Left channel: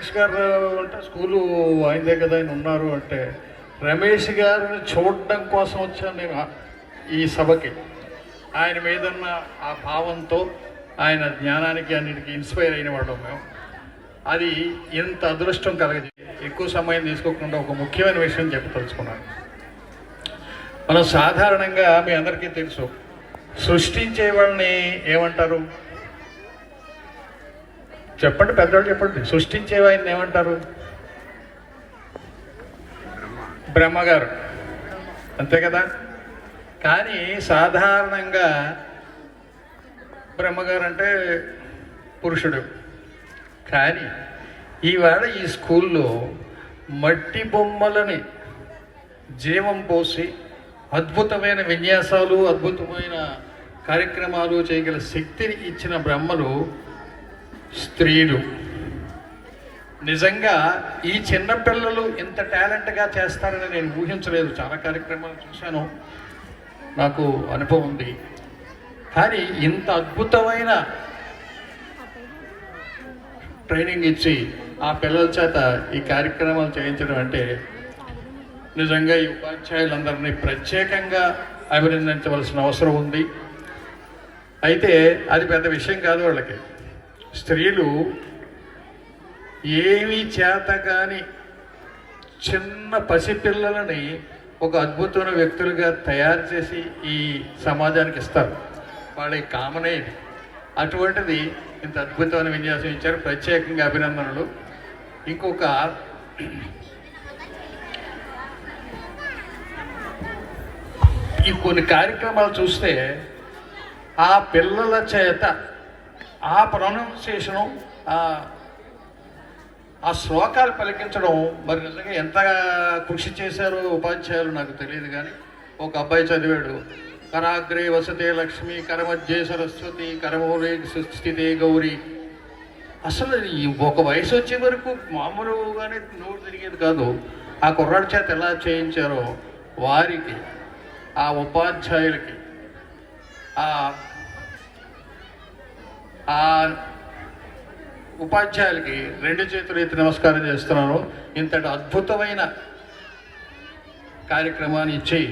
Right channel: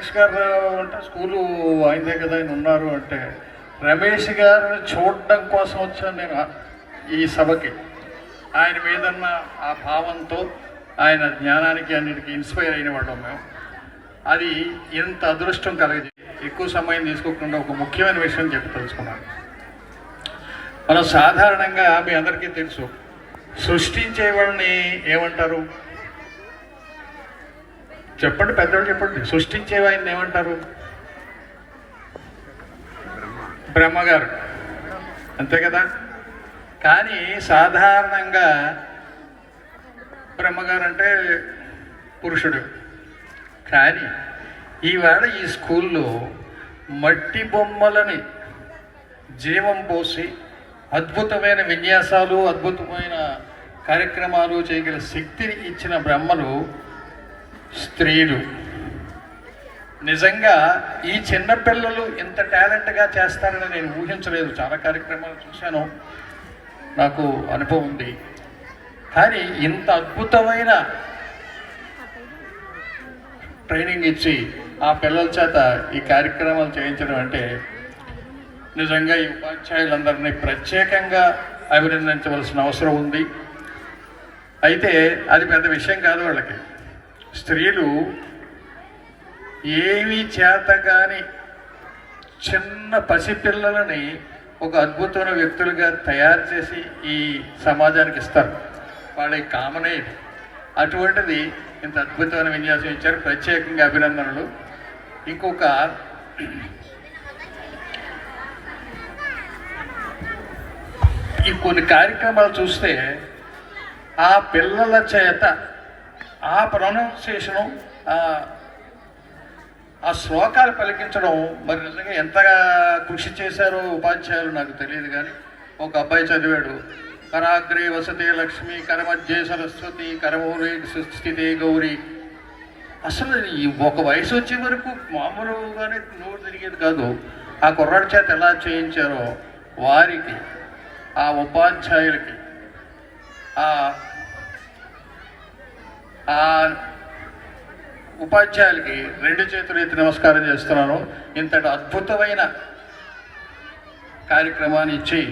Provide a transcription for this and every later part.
రమేష్ గారు అంటే స్కూలు ఆయనదే కదా ఆయన ఉన్నారు అంటే రమేష్ గారిని చూడడం కోసం వచ్చాను నేను ఈ సభకి. ఆయన మీదన్న ఆ భావంతో ఆయన జ్ఞానానికి అన్నిటికీ ఇన్స్పైర్ అయిన వాళ్ళం మేము. అది ఎంత అదృష్టం కలగజే ఎక్కువ సమయం తీసుకోకుండా ఒక ముఖ్యమైన విషయం చెప్పదలుచుకున్నాను. మనం సాధారణంగా మీ అందరికీ తెలుసు, సృష్టించే వాళ్ళని ఏమంటారు చెప్పండి, పెద్దవాళ్ళు చెప్పండి. సృష్టించే వాడిని ఏమంటారు? బ్రహ్మగారు, అంతే కదా. కానీ సాధారణంగా బ్రహ్మగారు అంటే పురుషుడు. కానీ ఈవేళ ఈ స్కూల్లో మట్టి బొమ్మలని జీవం పోసి అద్భుతమైన విన్యాసాలు, అద్భుతమైన కార్యక్రమాలు చేయగల శక్తిని ఇచ్చిన బ్రహ్మలు స్త్రీలు. నిజంగా ఈ చిన్నపిల్లలు ఇంత టాలెంట్గా చేస్తారని నేను ఊహించలేదు. చాలా కార్యక్రమాలు చూశాను, నాకు అనుభవం ఉంది. కానీ ఇంత అద్భుతమైన ట్రైనింగ్ ఇచ్చి ఆ పిల్లల చేత ఈ కార్యక్రమాలు చేయించడం అంటే నిజంగా ఈ ఉపాధ్యాయులందరినీ ప్రత్యేకంగా అభినందించవలసిన అవసరం ఉంది. అయితే అది పెద్ద విషయం కాదు వాళ్ళకి. స్త్రీలు ఏమీ చేతగాని చిన్న పసిపిల్లలని ఒక అద్భుతమైన వ్యక్తులుగా తయారు చేసి ఈ సమాజానికి ఇస్తారు. వాళ్ళకి కామనే ఇది. అటువంటిది ఇంత అద్భుతమైన విన్యాసం ఇచ్చారు, ప్రత్యేకంగా అభినందనలు. ఇంకొక ఈ కొన్ని కార్యక్రమాలు చూస్తే ఆ పిల్లల చేత ఆ ప్రొనౌన్సియేషను, ఆ శ్లోకాలు పలికించడం మరి నిజంగా ఎంత కృషి చేశారో ఉపాధ్యాయులు నాకు తెలియదు. కానీ ఒక అబ్బాయి చదివాడు, కరాగ్రే వసతే లక్ష్మి, కరమధ్యే సరస్వతి, కరమూలే స్థితే గౌరీ. అసలు ఈ ఒక వయసు వచ్చే వరకు మామూలుగానే నోరు తిరిగేది కాదు. ఆ కుర్రాడి చేత ఎలా చేయించారో వారికి, ఆ ఉపాధ్యాయులకి, ఆ ఉపాధ్యాయులకి రెండు చేతులు ఎత్తి నమస్కారం చేస్తున్నాను. ఇంతటి అద్భుతమైన కార్యక్రమాన్ని ఇచ్చి,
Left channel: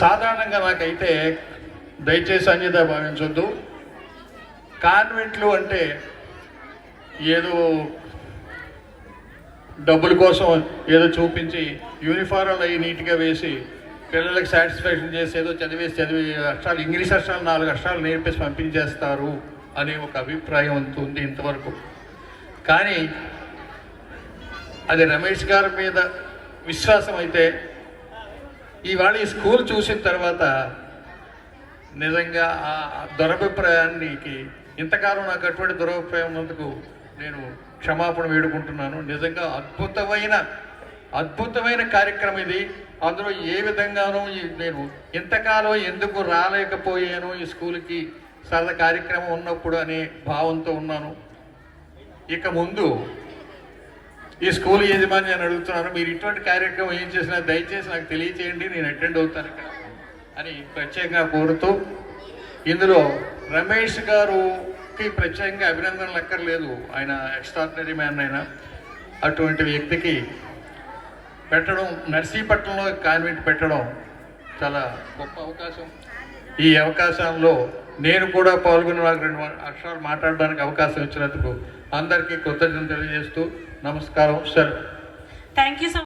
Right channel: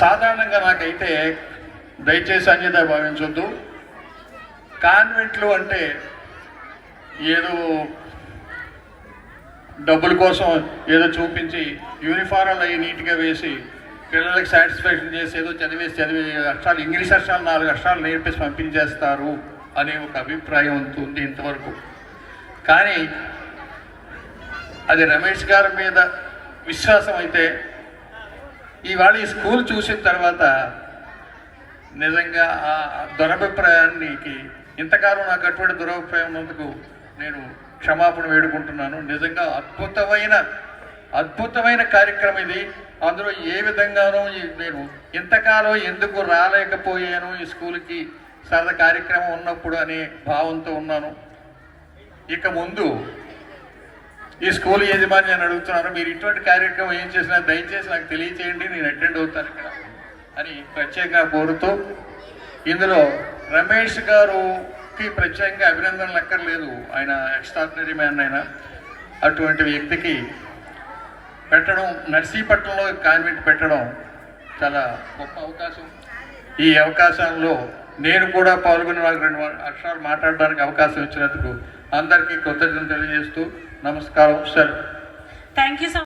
సాధారణంగా నాకైతే దయచేసి అన్యత భావించొద్దు. కాన్వెంట్లు అంటే ఏదో డబ్బుల కోసం ఏదో చూపించి యూనిఫారాలు అవి నీట్గా వేసి పిల్లలకి సాటిస్ఫాక్షన్ చేసి ఏదో చదివి అక్షరాలు, ఇంగ్లీష్ అక్షరాలు 4 అక్షరాలు నేర్పేసి పంపించేస్తారు అనే ఒక అభిప్రాయం ఉంది ఇంతవరకు. కానీ అది రమేష్ గారి మీద విశ్వాసం అయితే ఇవాళ ఈ స్కూల్ చూసిన తర్వాత నిజంగా ఆ దురభిప్రాయానికి, ఇంతకాలం నాకు అటువంటి దురభిప్రాయం ఉన్నందుకు నేను క్షమాపణ వేడుకుంటున్నాను. నిజంగా అద్భుతమైన కార్యక్రమం ఇది. అందులో ఏ విధంగానూ నేను ఇంతకాలం ఎందుకు రాలేకపోయాను ఈ స్కూల్కి, సరదా కార్యక్రమం ఉన్నప్పుడు అనే భావంతో ఉన్నాను. ఇక ముందు ఈ స్కూల్ యజమాని అడుగుతున్నాను, మీరు ఇటువంటి కార్యక్రమం ఏం చేసినా దయచేసి నాకు తెలియచేయండి, నేను అటెండ్ అవుతాను ఇక్కడ అని ప్రత్యేకంగా కోరుతూ, ఇందులో రమేష్ గారుకి ప్రత్యేకంగా అభినందనలు అక్కర్లేదు. ఆయన ఎక్స్ట్రాడినరీ మ్యాన్. ఆయన అటువంటి వ్యక్తికి పెట్టడం, నర్సీపట్నంలో కాన్వెంట్ పెట్టడం చాలా గొప్ప అవకాశం. ఈ అవకాశంలో నేను కూడా పాల్గొని నాకు 2 అక్షరాలు మాట్లాడడానికి అవకాశం ఇచ్చినందుకు అందరికీ కృతజ్ఞతలు తెలియజేస్తూ నమస్కారం. Sir, thank you.